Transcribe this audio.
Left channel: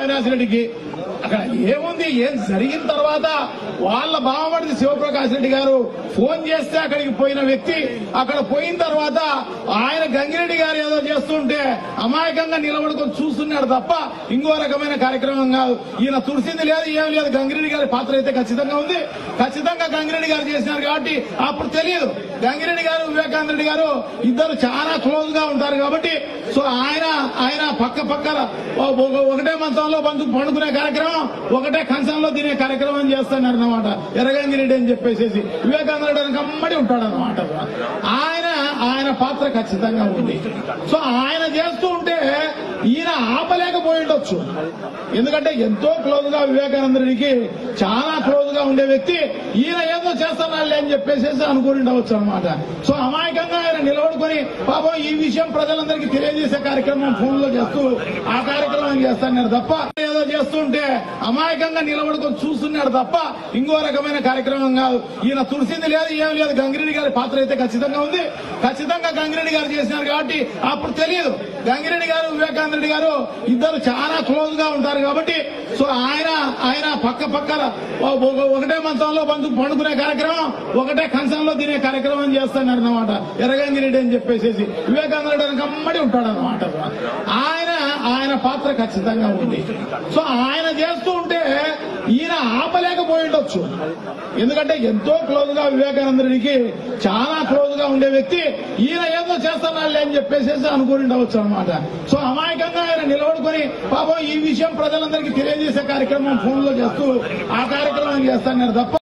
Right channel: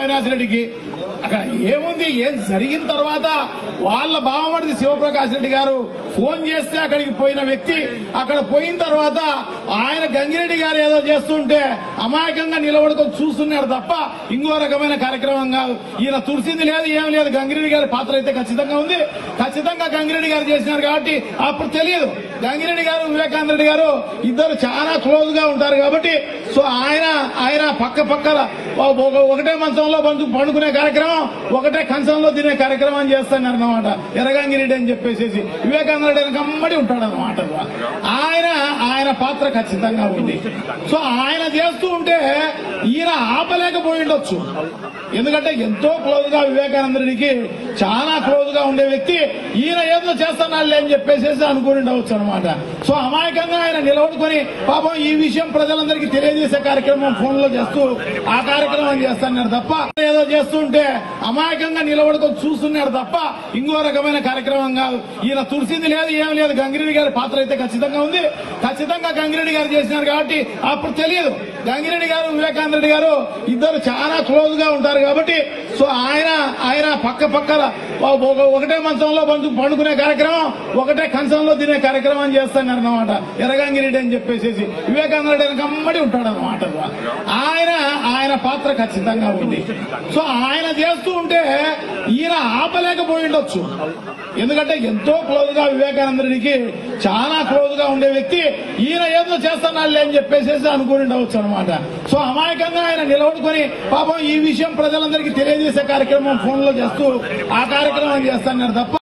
అవినాష్ రెడ్డికి అక్కడ ఏముంది, ఏం జరిగిన తర్వాత వాళ్ళ బావమడిది శివప్రకాష్ రెడ్డి గారు ఫోన్ చేస్తే అక్కడికి పోయిన వ్యక్తి, అక్కడ పోయిన తర్వాత ఆయన గంగిరెడ్డి గారు ఏదో చేస్తుంటే అమాయకంగా నిలబడుకొని చూస్తున్నాడు తప్ప ఇంకో రకమైన కార్యక్రమం కాదు. ఈయన తుడిసింది లేదు, ఏం లేదు. గంగిరెడ్డి గారి పాత్ర అయితే ఖచ్చితంగా ఉంది. ఖచ్చితంగా గంగిరెడ్డి గారు చేసినారు కాబట్టి అప్పుడు తెలియదు. గంగిరెడ్డి గారు వివేకానంద రెడ్డి గారు ఇద్దరు చాలా క్లోజ్ గా ఉంటారు కాబట్టి సో ఆయన పక్కన ఒకటే మంచంలో పండుకునే కార్యక్రమం, ఒకటే కంచంలో తినే కార్యక్రమం చేస్తానన్నమాట. ఎర్రగంగిరెడ్డి అని చెప్పేసి వివేకానంద రెడ్డి కమ్మడి ఉంటాడన్నమాట. ఆయన పాత్ర ఖచ్చితంగా ఉంది. సో ఆయన చేస్తూ ఉంటే ఈయన ఆపలేకపోయి ఉండొచ్చు. ఎందుకంటే ఎంతో క్లోజ్ గా వివేకానంద రెడ్డికి చాలా క్లోజ్ గా ఉండే వ్యక్తి ఈయన ఏదో చేస్తానాలే అని చెప్పేసి అనుకుని ఉండవచ్చు అనమాట. సో అమాయకంగా ఆయన నిలబడుకొని పాపం ఈ విషయం ప్రజలందరికీ తెలియజేసే కార్యక్రమం ఫోన్ లో చేస్తూ ఆ కార్యక్రమం చేస్తున్నాడు తప్ప ఏదో చేస్తుంటే అమాయకంగా నిలబడుకొని చూస్తున్నాడు తప్ప ఇంకో రకమైన కార్యక్రమం కాదు. ఈయన తుడిసింది లేదు, ఏం లేదు. గంగిరెడ్డి గారి పాత్ర అయితే ఖచ్చితంగా ఉంది. ఖచ్చితంగా గంగిరెడ్డి గారు చేసినారు కాబట్టి అప్పుడు తెలియదు. గంగిరెడ్డి గారు వివేకానంద రెడ్డి గారు ఇద్దరు చాలా క్లోజ్ గా ఉంటారు కాబట్టి సో ఆయన పక్కన ఒకటే మంచంలో పండుకునే కార్యక్రమం, ఒకటే కంచంలో తినే కార్యక్రమం చేస్తానన్నమాట. ఎర్రగంగిరెడ్డి అని చెప్పేసి వివేకానంద రెడ్డి కమ్మడి ఉంటాడన్నమాట. ఆయన పాత్ర ఖచ్చితంగా ఉంది. సో ఆయన చేస్తూ ఉంటే ఈయన ఆపలేకపోయి ఉండొచ్చు. ఎందుకంటే ఎంతో క్లోజ్ గా వివేకానంద రెడ్డికి చాలా క్లోజ్ గా ఉండే వ్యక్తి ఈయన ఏదో చేస్తానాలే అని చెప్పేసి అనుకుని ఉండవచ్చు అనమాట. సో అమాయకంగా ఆయన నిలబడుకొని పాపం ఈ విషయం ప్రజలందరికీ తెలియజేసే కార్యక్రమం ఫోన్ లో చేస్తూ ఆ కార్యక్రమం చేస్తాడు తప్ప